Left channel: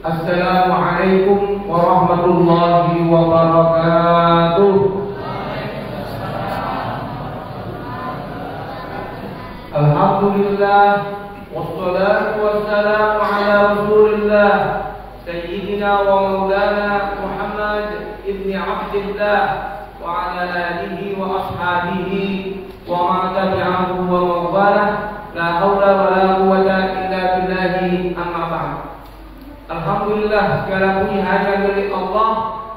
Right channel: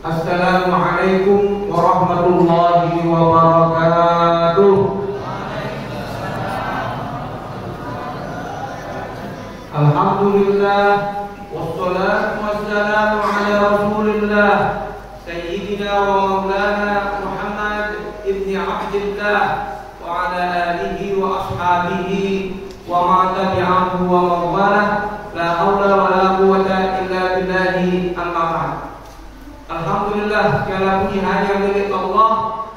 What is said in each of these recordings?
Assalamualaikum warahmatullahi wabarakatuh. Alhamdulillah, wassalatu wassalamu ala rasulillah Sayyidina wa maulana Muhammad ibni Abdillah wa ala alihi wa ashabihi wa ma tabi'ahu wa mawalah. La hawla wa la quwwata illa billahi, amma ba'd. Alhamdulillah, segala puji hanya milik Allah.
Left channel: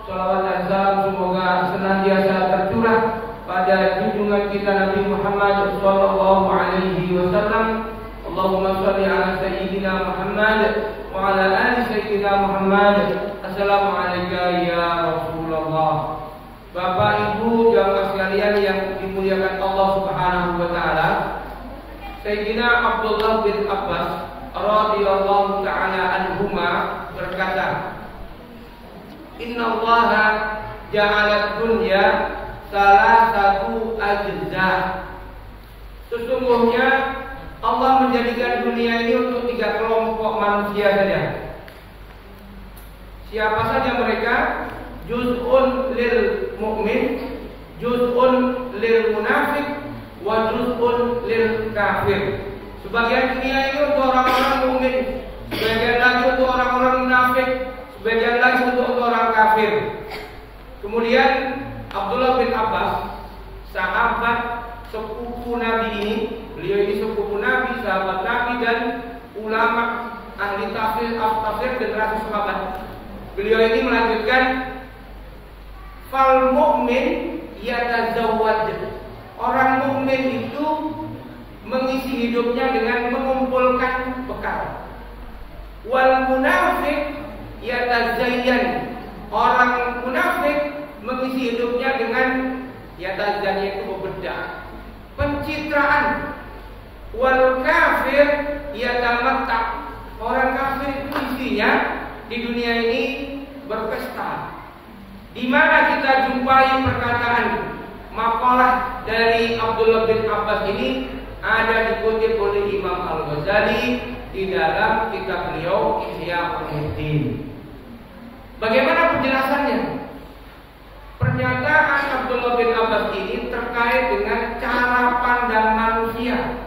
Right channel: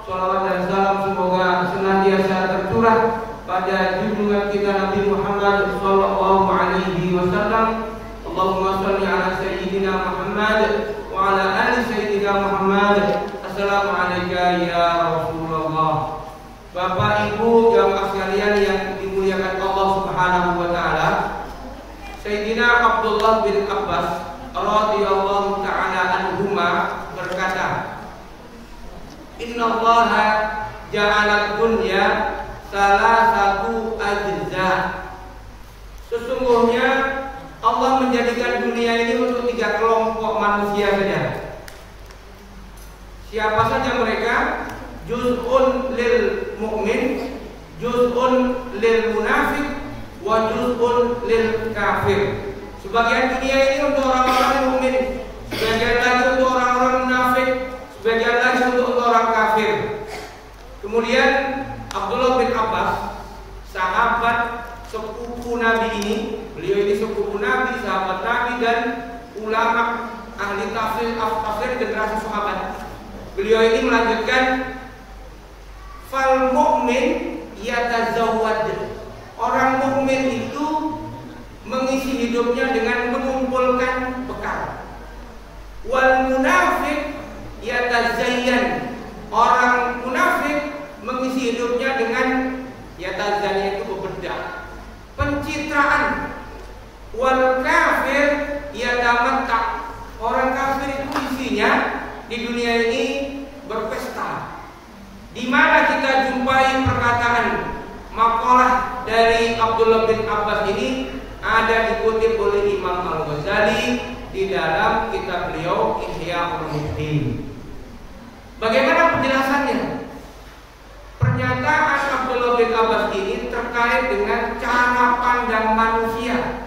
Salawat dan salam semoga senantiasa tercurah pada junjungan kita Nabi Muhammad sallallahu alaihi wasallam. Allahumma shalli ala sayyidina Muhammad wa ala ali sayyidina Muhammad. Assalamu alayka ya Rasulullah. Bapak Ibu jamaah sekalian yang dimuliakan Allah Subhanahu wa taala, Sayyidina Abdullah bin Abbas radhiyallahu ta'ala anhuma berkata, Innallaha ja'ala dunya salah satu ajza. Sesungguhnya Allah menjadikan dunia ini untuk 3 kelompok manusia saja. Siapa saja mereka? Juz'un lil mu'min, juz'un lil munafik, wa juz'un lil kafir. Sebagian dunia ini untuk orang-orang mukmin, sebagian lagi untuk orang-orang munafik, sebagian lagi untuk orang kafir. Kemudian Abdullah bin Abbas, sahabat sepupu Nabi ini, beliau ini sepupu Nabi, sahabat Nabi dan ulama ahli tafsir generasi sahabat. Beliau ini melanjutkan, fal mu'min yatazawwad. Orang mukmin itu mengisi hidupnya dengan mengumpulkan bekal. Wal munafik yatazayyan. Orang munafik mengisi hidupnya dengan yatazayyan, itu bebedak, pencitraan. Wal kafir yatamatta. Orang kafir itu isinya di dunia ini berpesta. Di mana kita jumpai perkataan makalah dari Abdullah bin Abbas ini ada dikutip oleh Imam Al-Ghazali di dalam kitab beliau Ihya Ulumuddin. Bagaimana penjelasannya? Pernyataan Abdullah bin Abbas ini terkait dengan cara pandang manusia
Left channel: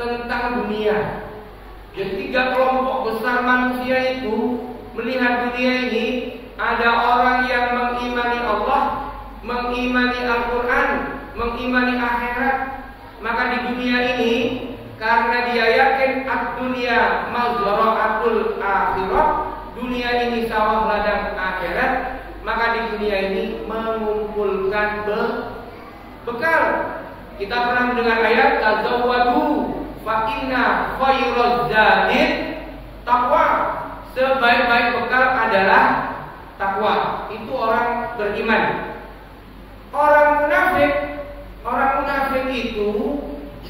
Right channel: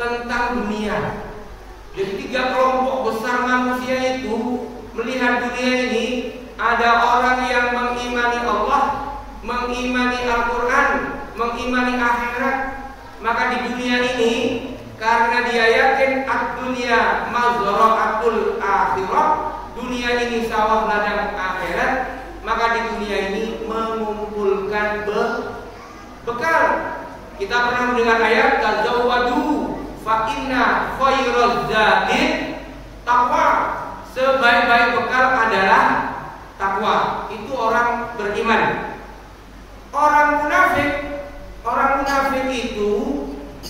tentang dunia. Jadi 3 kelompok besar manusia itu melihat dunia ini. Ada orang yang mengimani Allah, mengimani Al-Quran, mengimani akhirat. Maka di dunia ini, karena dia yakin ad-dunya mazra'atul akhirah, dunia ini sawah ladang akhirat, maka di dunia ini mengumpulkan bekal. Kita pernah mendengar ayat tazawwadu fa inna khairaz zadid taqwa. Sebaik-baik bekal adalah takwa. Itu orang beriman. Orang munafik itu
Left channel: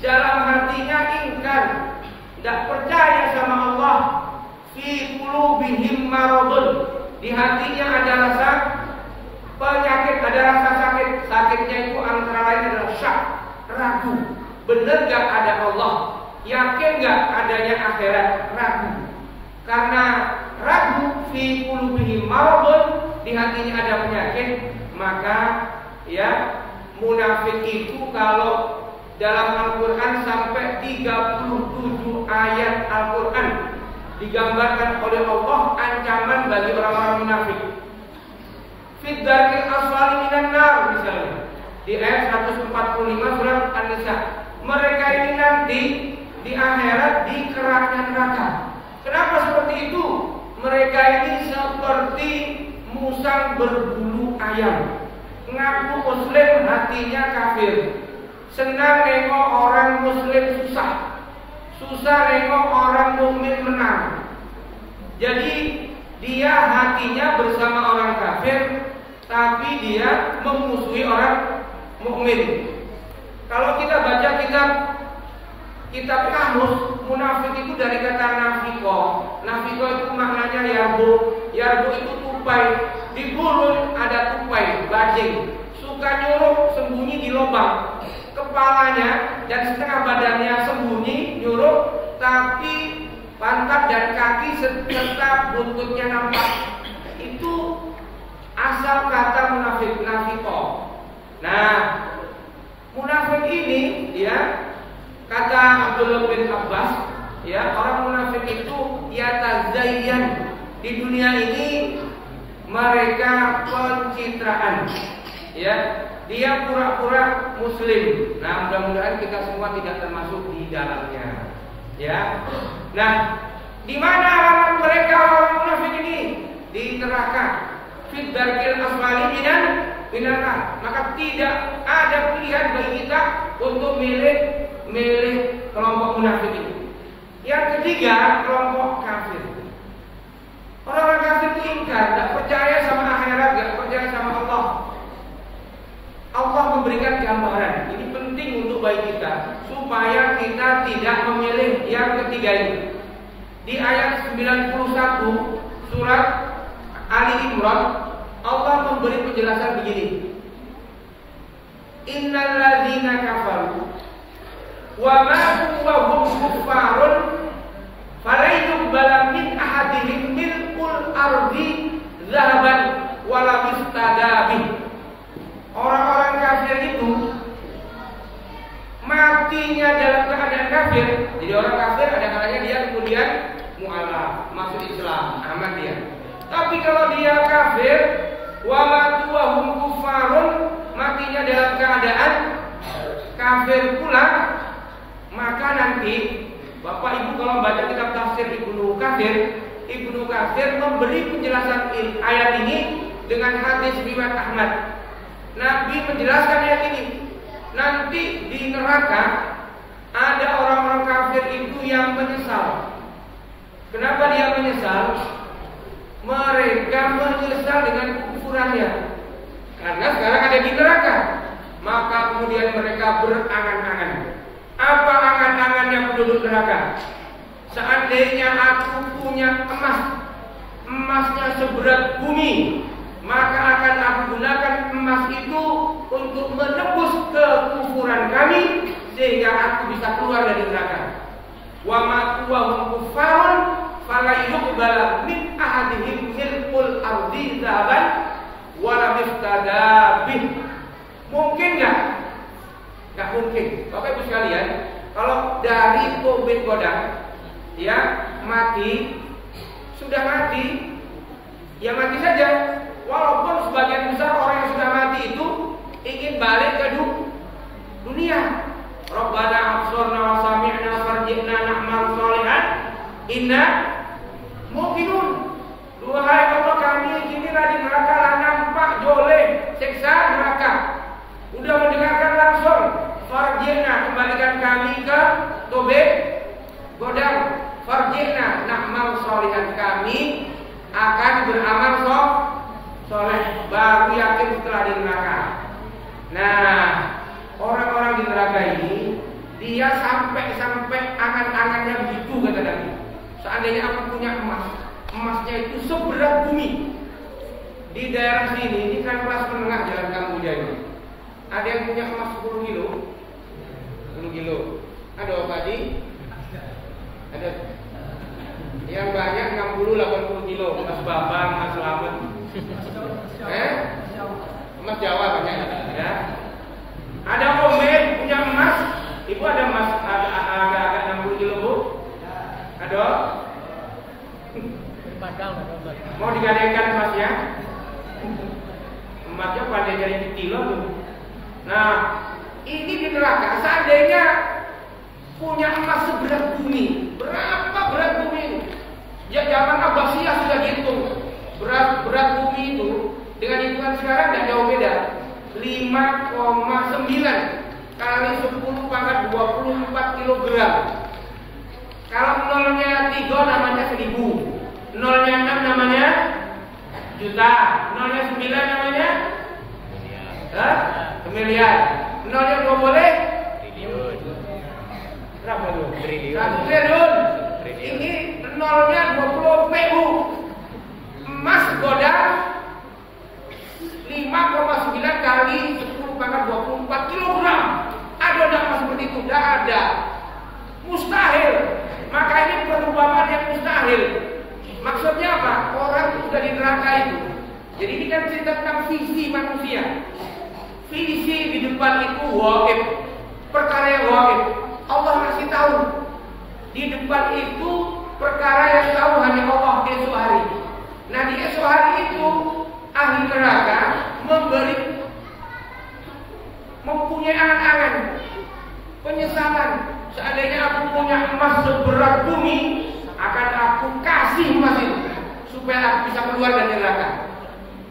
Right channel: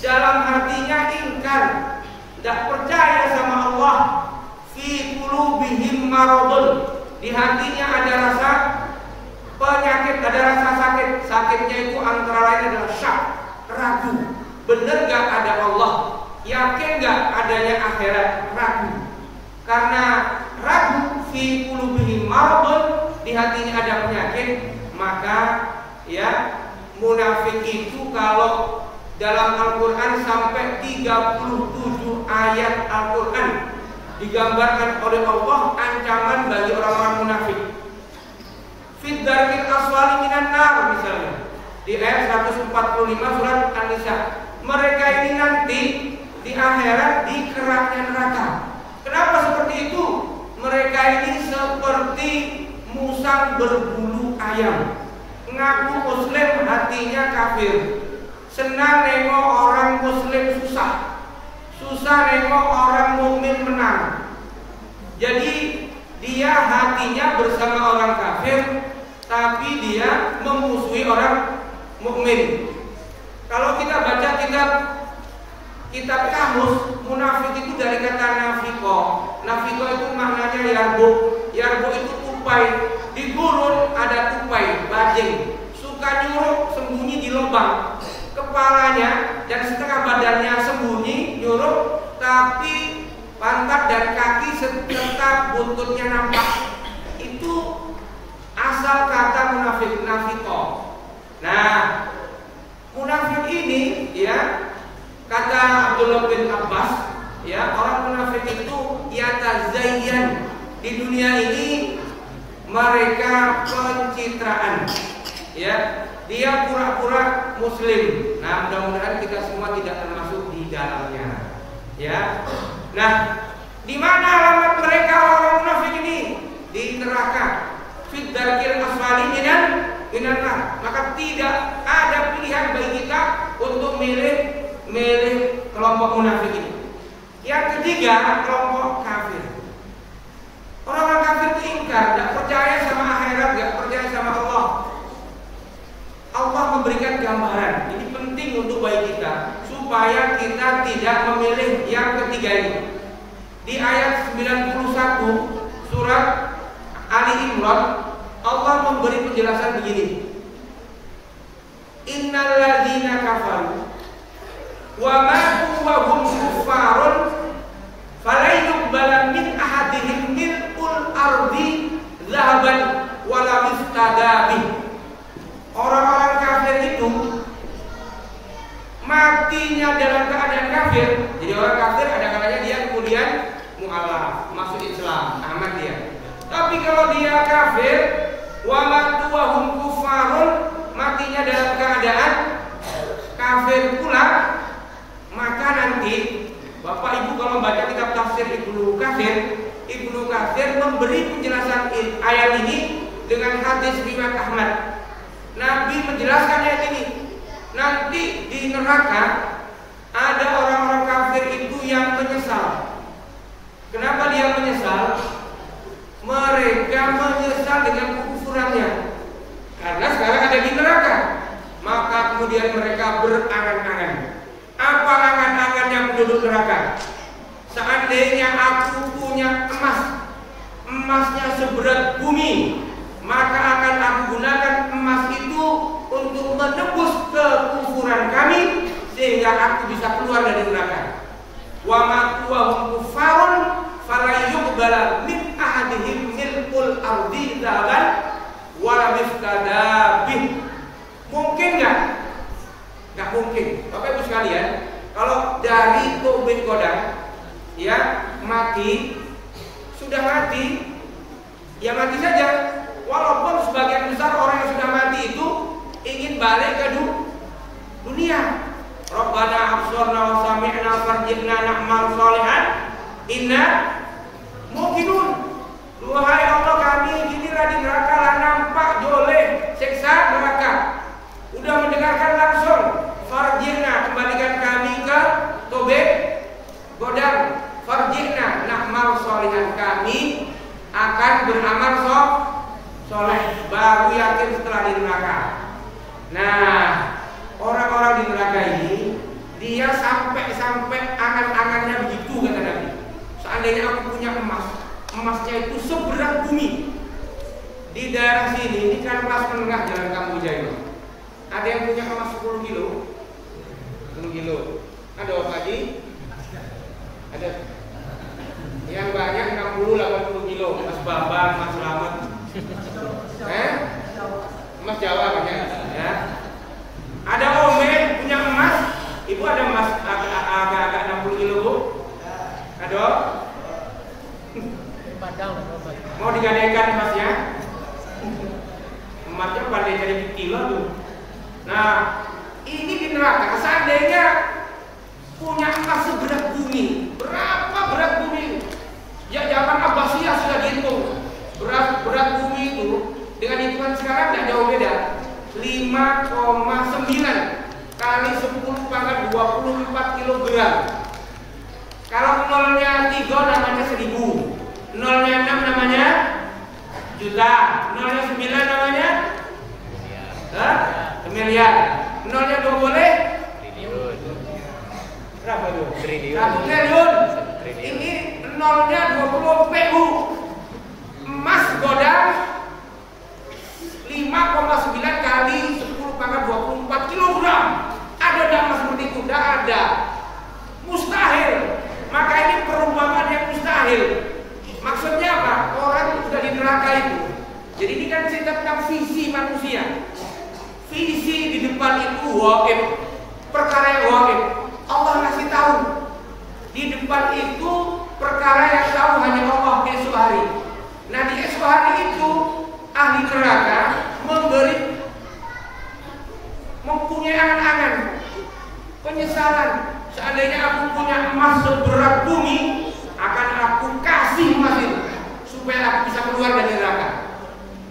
dalam hatinya ingkar, tidak percaya sama Allah. Fi qulubihim maradun. Di hatinya ada rasa penyakit, ada rasa sakit. Sakitnya itu antara lain adalah syak, ragu. Benar gak ada Allah? Yakin gak adanya akhirat? Ragu. Karena ragu, fi qulubihim maradun, di hatinya ada penyakit, maka ya munafik itu kalau dalam Al-Quran sampai 37 ayat Al-Quran digambarkan oleh Allah ancaman bagi orang-orang munafik. Fid darkil asfali minan nar, misalnya di ayat 145 surat An-Nisa. Mereka ini nanti di akhirat di keraknya neraka. Kenapa seperti itu? Mereka ini seperti musang berbulu ayam. Ngaku muslim, hatinya kafir. Senang nengok orang muslim susah, susah nengok orang mukmin menang. Jadi dia hatinya bersama orang kafir, tapi dia memusuhi orang mukmin. Kalau kita baca kitab kamus, munafik itu dari kata nafiko. Nafiko itu maknanya yarbu. Yarbu itu tupai. Di gurun ada tupai, bajing. Suka nyuruh sembunyi di lubang. Kepalanya dan setengah badannya sembunyi nyuruh, tapi pantat dan kaki serta buntutnya nampak. Itu asal kata munafik, nafiko. Nah, munafik ini ya, kata Abdullah bin Abbas, ya, orang munafik itu yatazayyan, di dunia ini mereka pencitraan, ya, dia pura-pura muslim. Nah, mudah-mudahan kita semua tidak termasuk di dalamnya, ya. Nah, di mana alamat mereka orang munafik ini? Di neraka. Fit darkil asfali minan nar. Maka tidak ada pilihan bagi kita untuk milih kelompok munafik ini. Yang ketiga, kelompok kafir. Orang-orang kafir itu ingkar, tidak percaya sama akhirat, tidak percaya sama Allah. Allah memberikan gambaran. Ini penting untuk bagi kita supaya kita tidak memilih yang ketiga ini. Di ayat 91 surat Ali Imran, Allah memberi penjelasan begini. Innalladzina kafaru wa matu wa hum kuffarun falayuqbala min ahadihim mil'ul ardi zahaban wala mistadabih. Orang-orang kafir itu matinya dalam keadaan kafir. Jadi orang kafir ada kalanya dia kemudian mu'alaf, masuk Islam, aman dia. Tapi kalau dia kafir, wa matu wa hum kuffarun, matinya dalam keadaan kafir pula, maka nanti Bapak Ibu kalau baca kitab tafsir Ibnu Katsir memberi penjelasan ayat ini dengan hadis riwayat Ahmad. Nabi menjelaskan ayat ini. Nanti di neraka ada orang-orang kafir itu yang menyesal. Kenapa dia menyesal? Mereka menyesal dengan kekufurannya. Karena sekarang ada di neraka. Maka kemudian mereka berangan-angan. Apa angan-angannya penduduk neraka? Seandainya aku punya emasnya seberat bumi, maka akan aku gunakan emas itu untuk menebus kekufuran kami sehingga aku bisa keluar dari neraka. Wa matu wa hum kuffarun fala yuqbala min ahadihim mil'ul ardi dzahaban wala miftadabih. Mungkin enggak? Enggak mungkin. Bapak Ibu sekalian, kalau dari Tobit Godang ya mati, sudah mati, ya mati saja. Walaupun sebagian besar orang yang sudah mati itu ingin balik ke dunia. Rabbana absorna wa sami'na farji'na na'mal sholihan inna muqinun. Duhai Allah, kami inilah di neraka lah nampak joleh siksa neraka. Udah mendengarkan langsung. Farji'na, kembalikan kami ke Tobit Godang. Farji'na na'mal sholihan, kami akan beramal soleh, baru yakin setelah di neraka. Nah, orang-orang di neraka ini dia sampai angan-angannya begitu, kata Nabi. Seandainya aku punya emasnya itu seberat bumi. Di daerah sini, ini kan kelas menengah Jalan Kamboja ini. Ada yang punya emas 10 kilo? 10 kilo. Ada Pak Haji? Ada. Yang banyak 60-80 kilo. Mas Bambang, Mas Slamet. Emas Jawa banyak ya. Ada Omen punya emas. Ibu ada emas agak-agak 60 kilo, Bu? Ada? Mau digadaikan emasnya? Emasnya pandai cari kilo tuh. Nah, ini di neraka. Seandainya punya emas seberat bumi, berapa berat bumi itu? Ya zaman Abbasiyah sudah dihitung. Berat bumi itu dengan hitungan sekarang tidak jauh beda. 5,9 kali 10 pangkat 24 kilogram. Kalau nolnya 3 namanya 1000, nolnya 6 namanya juta, nolnya 9 namanya miliar, nolnya 2 boleh triliun. Berapa tuh? Triliun. 1 triliun. Ini nolnya 20 ribu. Emas Godang 5,9 kali 10 pangkat 24 kilogram. Ada enggak emas seperti itu? Tidak ada. Mustahil. Maka ini perumpamaan yang Jadi ini kan cerita tentang visi manusia. Visi di depan itu waib, perkara yang waib. Allah ngasih tahu. Di depan itu perkara yang tahu hanya Allah esok hari. Nah di esok hari itu ahli neraka mempunyai angan-angan, penyesalan. Seandainya aku punya emas seberat bumi, akan aku kasih emas itu supaya aku bisa keluar dari neraka.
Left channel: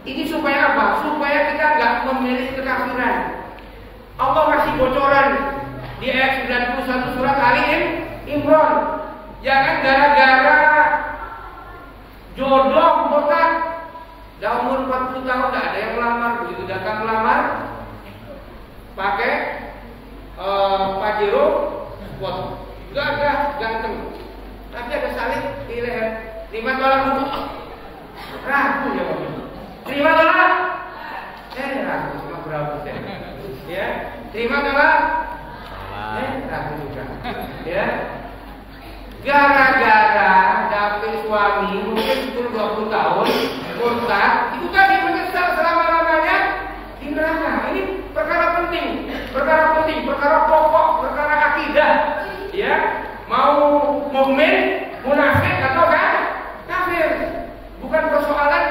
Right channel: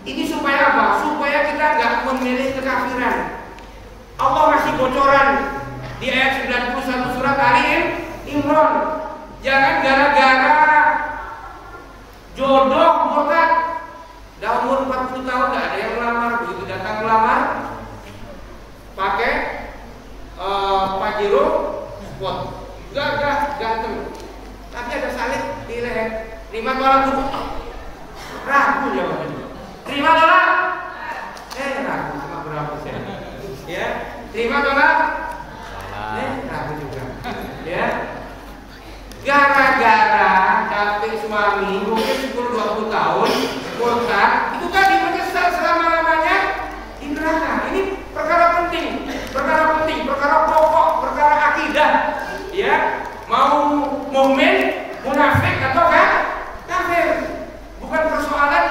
Ini supaya apa? Supaya kita nggak memilih kekafiran. Allah kasih bocoran di ayat 91 surat Ali Imran. Jangan gara-gara jodoh murtad. Dah umur 40 tahun nggak ada yang melamar, begitu datang melamar pakai Pajero Sport, gagah, ganteng, tapi ada salib di leher. 5 tolak dulu, ragu jawabnya. 5 tolak, ragu cuma berapa sen? Ya, 5 tolak, ragu juga. Ya, gara-gara dapet suami mungkin 10-20 tahun murtad, itu tadi menyesal selama-lamanya di neraka. Ini perkara penting, perkara pokok, perkara akidah. Ya, mau mukmin, munafik atau kafir. Bukan persoalan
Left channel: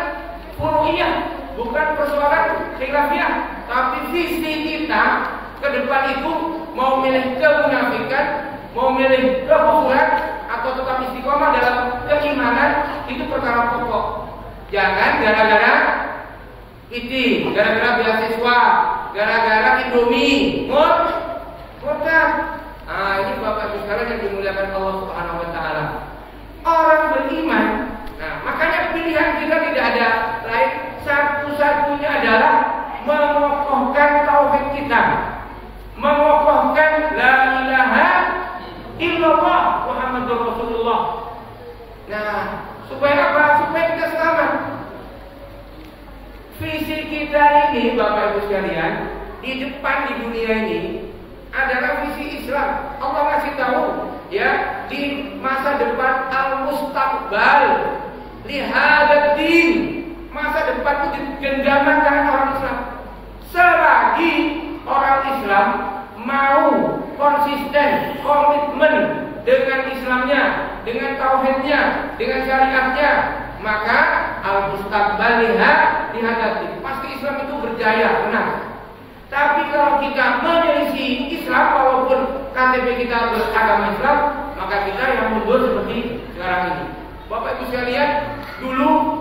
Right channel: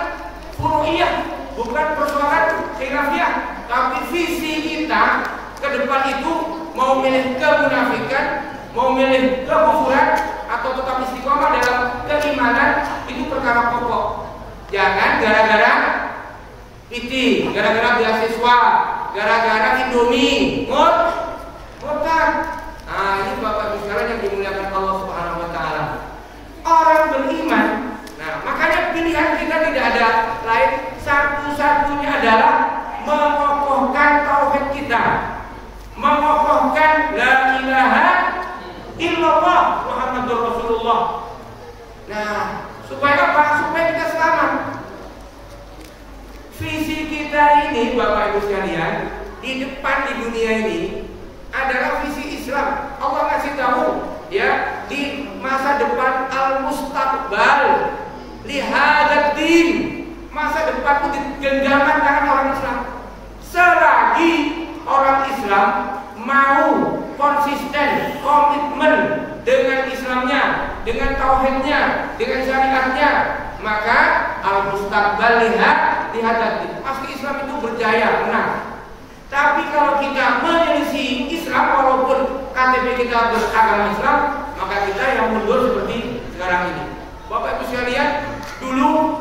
furu'iyah, bukan persoalan khilafiyah, tapi visi kita ke depan itu mau milih kemunafikan, mau milih kekufuran, atau tetap istiqomah dalam keimanan, itu perkara pokok. Jangan gara-gara PT, gara-gara beasiswa, gara-gara Indomie, murtad. Nah, ini Bapak Ibu sekalian yang dimuliakan Allah Subhanahu wa taala. Orang beriman. Nah, makanya pilihan kita tidak ada lain, satu-satunya adalah mengokohkan tauhid kita. Mengokohkan la ilaha illallah Muhammadur Rasulullah. Nah, supaya apa? Supaya kita selamat. Visi kita ini Bapak Ibu sekalian di depan di dunia ini adalah visi Islam. Allah ngasih tahu ya di masa depan al-mustaqbal lihadat din, masa depan itu genggaman tangan orang Islam. Selagi orang Islam mau konsisten, komitmen dengan Islamnya, dengan tauhidnya, dengan syariatnya, maka al-mustaqbal lihadati, pasti Islam itu berjaya, menang. Tapi kalau kita menyelisih Islam, walaupun KTP kita beragama Islam, maka kita yang mundur seperti sekarang ini. Bapak Ibu sekalian, dulu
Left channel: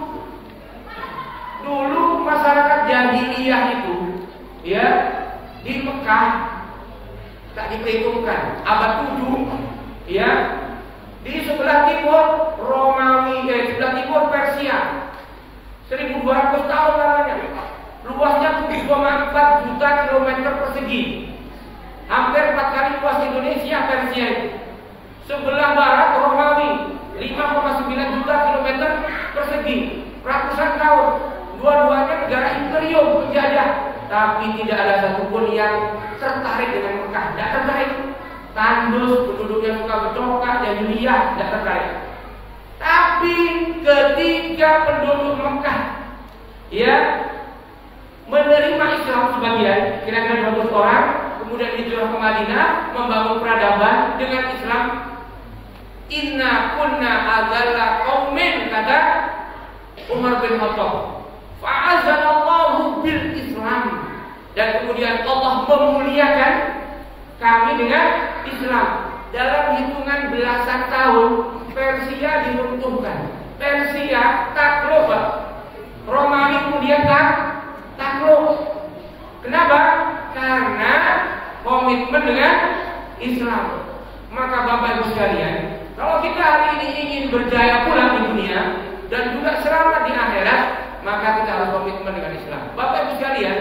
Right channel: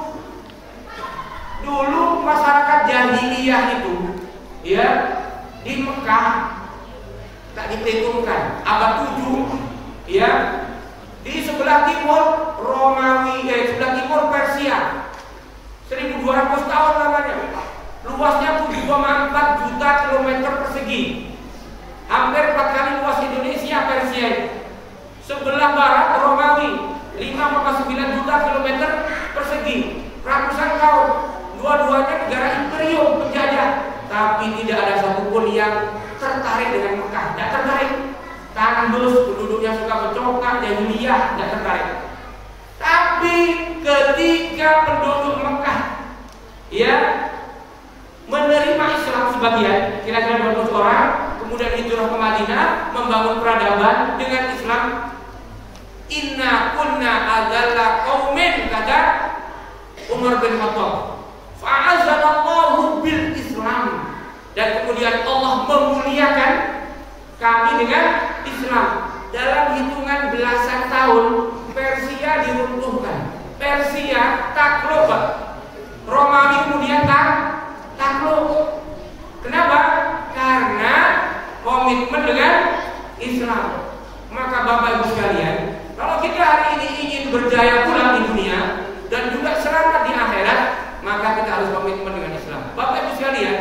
masyarakat jahiliyah itu ya di Mekah tak diperhitungkan, abad 7 ya, di sebelah timur Romawi, sebelah timur Persia, 1200 tahun lamanya, luasnya 7,4 juta kilometer persegi, hampir 4 kali luas Indonesia Persia. Sebelah barat Romawi, 5,9 juta kilometer persegi, ratusan tahun, dua-duanya negara imperium penjajah, tapi tidak ada satupun yang tertarik dengan Mekah, tidak tertarik. Tandus, penduduknya suka bercokak, jahiliyah, tidak tertarik. Tapi ketika penduduk Mekah ya menerima Islam sebagian, kira-kira 200 orang, kemudian hijrah ke Madinah, membangun peradaban dengan Islam. Inna kunna adzalla qaumin, kata Umar bin Khattab, fa'azanallahu bil Islam, dan kemudian Allah memuliakan kami dengan Islam. Dalam hitungan belasan tahun Persia diruntuhkan, Persia takluk, Romawi kemudian takluk. Kenapa? Karena komitmen dengan Islam. Maka Bapak Ibu sekalian, kalau kita hari ini ingin berjaya pulang di dunia dan juga selamat di akhirat, maka kita harus komitmen dengan Islam. Bapak Ibu sekalian,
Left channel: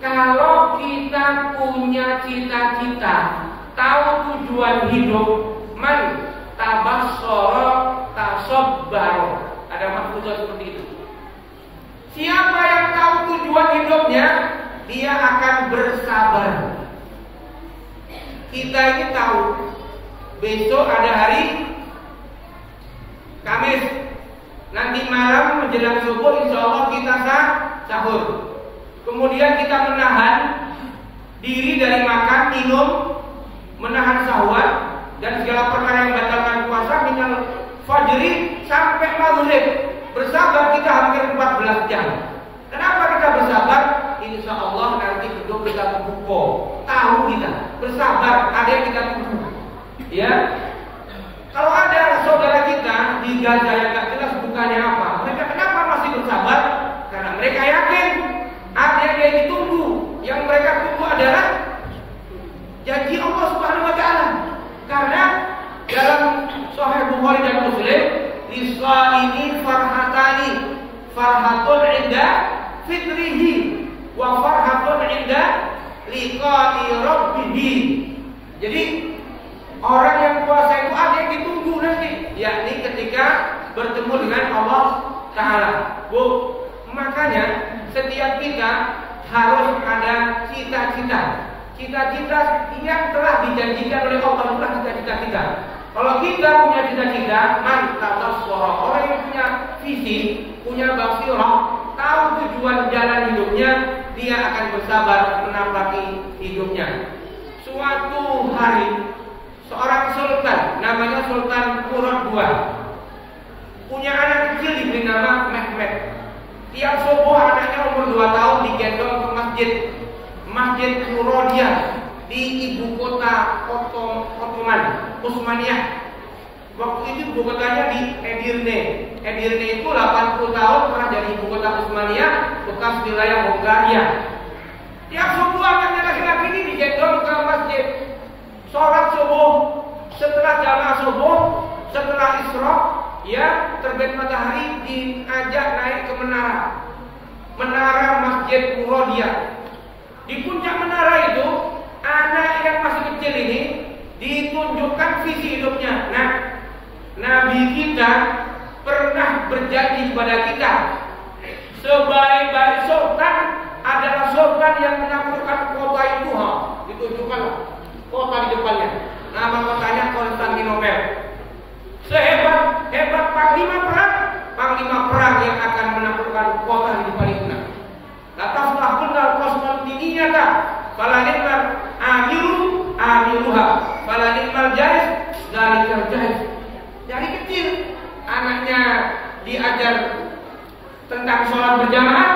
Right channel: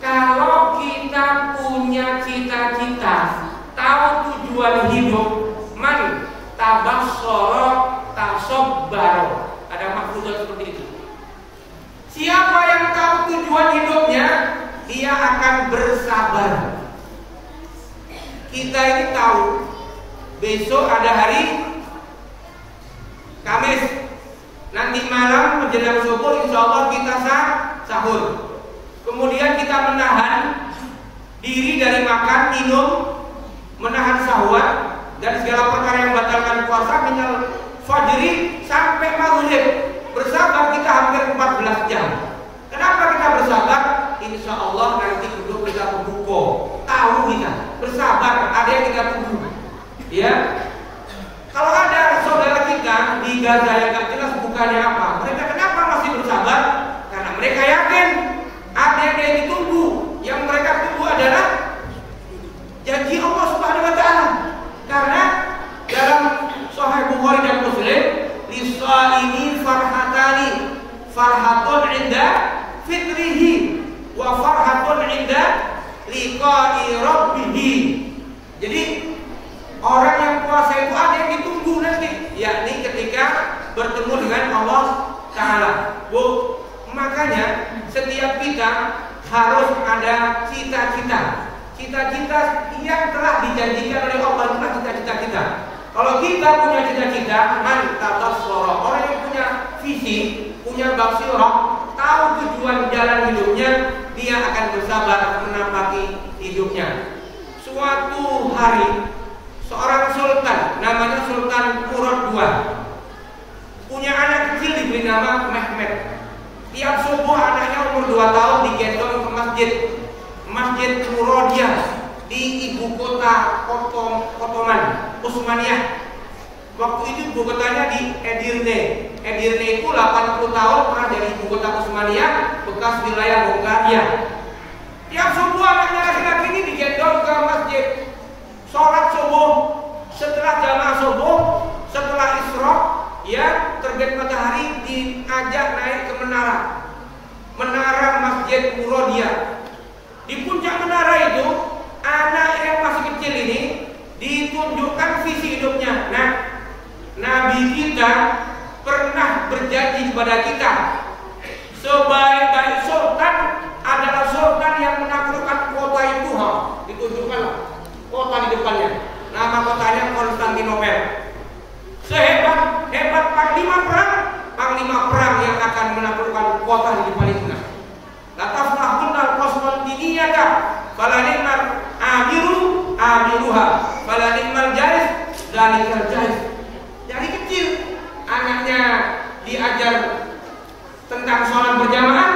kalau kita punya cita-cita, tahu tujuan hidup, man tabassara tasabbara, ada makhluk seperti itu. Siapa yang tahu tujuan hidupnya, dia akan bersabar. Kita ini tahu besok ada hari Kamis, nanti malam menjelang subuh insya Allah kita sahur. Kemudian kita menahan diri dari makan, minum, menahan syahwat dan segala perkara yang membatalkan puasa minal fajri sampai maghrib. Bersabar kita hampir 14 jam. Kenapa kita bersabar? Insya Allah nanti beduk kita kebuko. Tahu kita bersabar, ada yang kita tunggu. Ya, kalau ada saudara kita di Gaza yang gak jelas bukannya apa, mereka kenapa masih bersabar? Karena mereka yakin ada yang dia ditunggu. Yang mereka tunggu adalah janji Allah Subhanahu Wa Taala. Karena dalam Sahih Bukhari dan Muslim, lisa'ini farhatani, farhatun inda fitrihi wa farhatun inda liqa'i rabbihi. Jadi orang yang puasa itu ada yang ditunggu nanti, yakni ketika bertemu dengan Allah Ta'ala. Makanya setiap kita harus ada cita-cita. Cita-cita yang telah dijanjikan oleh Allah itulah cita-cita kita. Kalau kita punya cita-cita, mantabas soroh, orang yang punya visi, punya basirah, tahu tujuan jalan hidupnya, dia akan bersabar menampaki hidupnya. Suatu hari, seorang sultan, namanya Sultan Murad II, punya anak kecil diberi nama Mehmet. Tiap subuh anaknya umur 2 tahun digendong ke Masjid Murodiyah di ibu kota Ottoman Utsmaniyah. Waktu itu ibu kotanya di Edirne. Edirne itu 80 tahun pernah jadi ibu kota Utsmaniyah, bekas wilayah Hongaria. Tiap subuh anaknya laki-laki ini digendong ke masjid, sholat subuh. Setelah jamaah subuh, setelah Isra, ya terbit matahari, diajak naik ke menara Masjid Murodiyah. Di puncak menara itu, anak yang masih kecil ini ditunjukkan visi hidupnya. Nah, Nabi kita pernah berjanji kepada kita, sebaik-baik sultan adalah sultan yang menaklukkan kota itu. Ditunjukkan kota di depannya. Nama kotanya Konstantinopel. Sehebat panglima perang yang akan menaklukkan kota di depan itu. Lataflah kunnal Konstantiniyata falanimar amiruha falanimar jais zalikal jais. Dari kecil anaknya diajar tentang sholat berjamaah,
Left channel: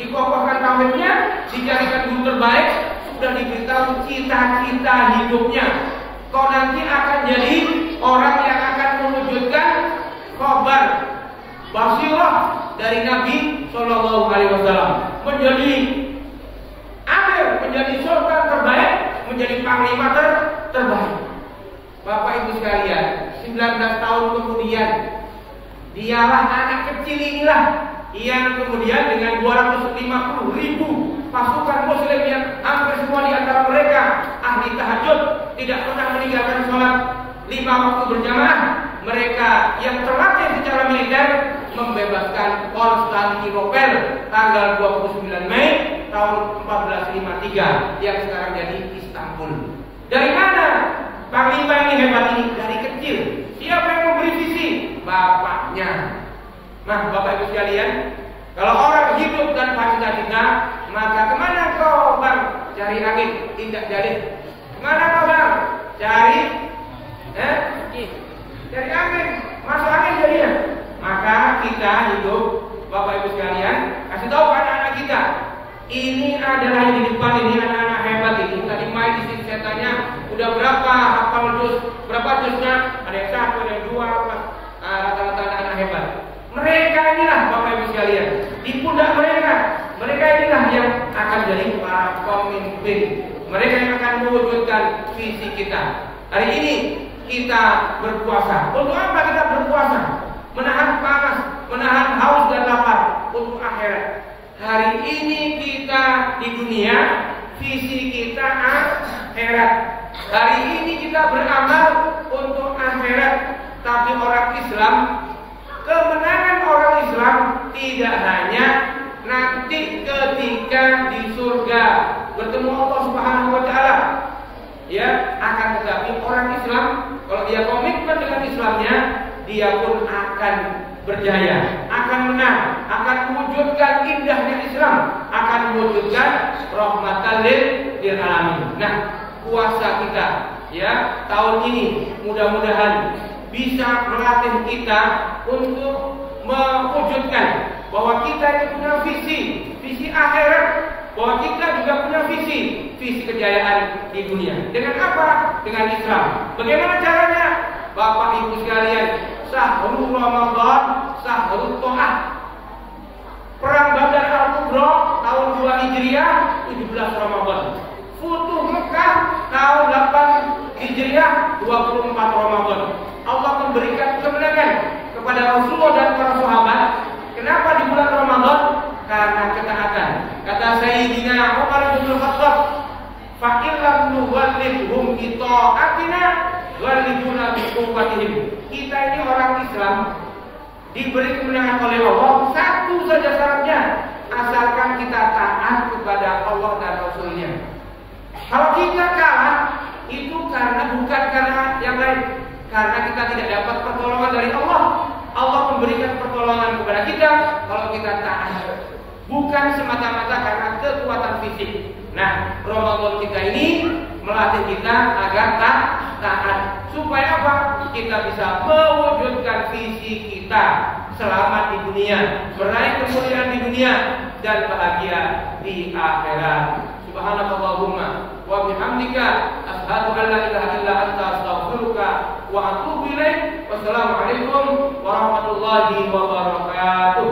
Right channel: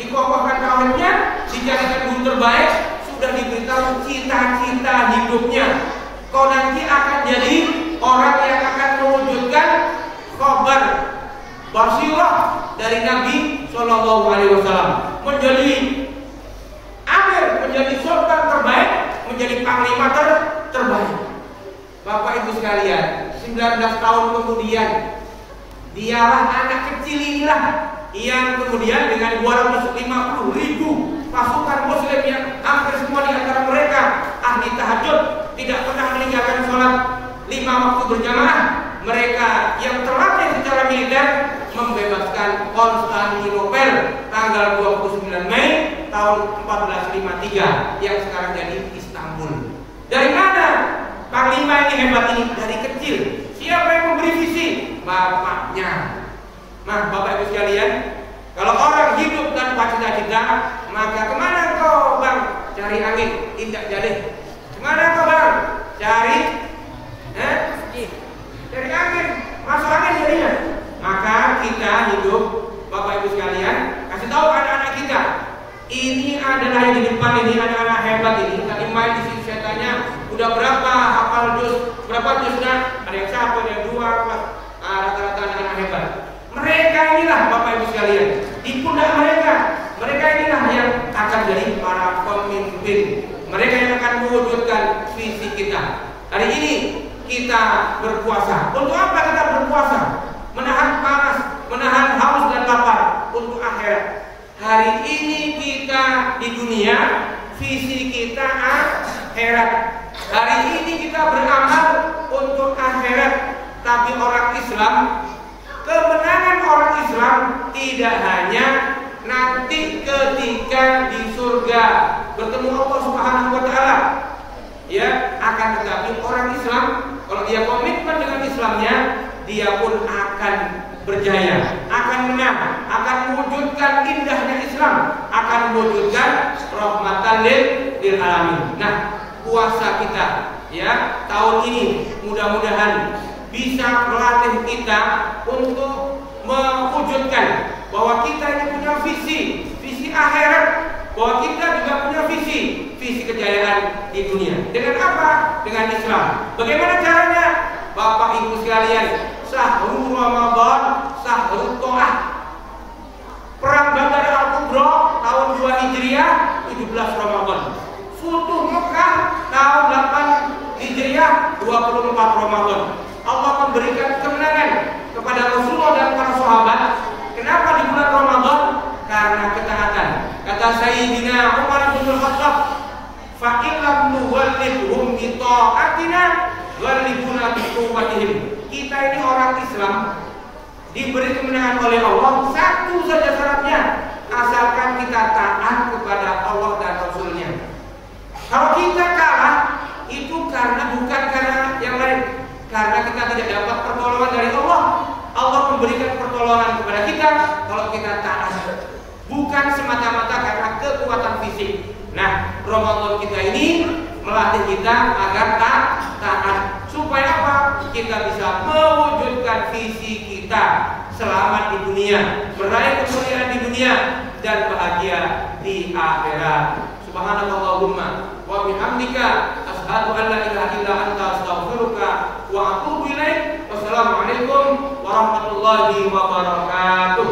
dikokohkan tauhidnya, dijadikan guru terbaik, sudah diberitahu cita-cita hidupnya. Kau nanti akan jadi orang yang akan mewujudkan khabar basirah dari Nabi Shallallahu Alaihi Wasallam, menjadi amir, menjadi sultan terbaik, menjadi panglima terbaik. Bapak Ibu sekalian, 19 tahun kemudian, dialah anak kecil inilah yang kemudian dengan 250.000 pasukan muslim yang hampir semua di antara mereka ahli tahajud, tidak pernah meninggalkan sholat 5 waktu berjamaah. Mereka yang terlatih secara militer membebaskan Konstantinopel tanggal 29 Mei tahun 1453 yang sekarang jadi Istanbul. Dari mana panglima ini hebat ini? Dari kecil. Siapa yang memberi visi? Bapaknya. Nah, Bapak Ibu sekalian, kalau orang hidup tanpa cita-cita, maka kemana kau bang? Cari angin, indak jalih. Kemana kau bang? Cari dari angin, masuk angin jadinya. Maka kita hidup, Bapak Ibu sekalian, kasih tahu anak-anak kita, ini adalah yang di depan ini anak-anak hebat ini. Tadi main di sini saya tanya, udah berapa hafal juz? Berapa juznya? Ada yang 1, ada yang 2, rata-rata anak-anak hebat. Mereka inilah Bapak Ibu sekalian, di pundak mereka inilah yang akan jadi para pemimpin. Mereka yang akan mewujudkan visi kita. Hari ini kita berpuasa. Untuk apa kita berpuasa? Menahan panas, menahan haus dan lapar untuk akhirat. Hari ini kita di dunia, visi kita akhirat. Hari ini kita beramal untuk akhirat. Tapi orang Islam, kemenangan orang Islam tidak hanya nanti ketika di surga bertemu Allah Subhanahu wa taala. Ya, akan tetapi orang Islam kalau dia komitmen dengan Islamnya, dia pun akan berjaya, akan menang, akan mewujudkan indahnya Islam, akan mewujudkan rahmatan lil alamin. Nah, puasa kita ya tahun ini mudah-mudahan bisa melatih kita untuk mewujudkan bahwa kita ini punya visi akhirat, bahwa kita juga punya visi kejayaan di dunia. Dengan apa? Dengan Islam. Bagaimana caranya? Bapak Ibu sekalian, Syahrul Ramadan, Syahrul Ta'ah. Perang Badar Al-Kubra tahun 2 Hijriah, 17 Ramadan. Futuh Mekah tahun 8 Hijriah, 24 Ramadan. Allah memberikan kemenangan kepada Rasulullah dan para sahabat. Kenapa di bulan Ramadan? Karena ketaatan. Kata Sayyidina Umar bin Khattab, "Fa illam nuwallibhum bi ta'atina wallibuna bi quwwatihim." Kita ini orang Islam diberi kemenangan oleh Allah, satu saja syaratnya, asalkan kita taat kepada Allah dan Rasulnya. Kalau kita kalah, itu bukan karena yang lain, karena kita tidak dapat pertolongan dari Allah. Allah memberikan pertolongan kepada kita kalau kita taat, bukan semata-mata karena kekuatan fisik. Nah, Ramadan kita ini melatih kita agar taat. Supaya apa? Kita bisa mewujudkan visi kita, selamat di dunia, meraih kemuliaan di dunia, dan bahagia di akhirat. Subhanakallahumma wa bihamdika asyhadu an la ilaha illa anta astaghfiruka wa atubu ilaik. Wassalamualaikum warahmatullahi wabarakatuh.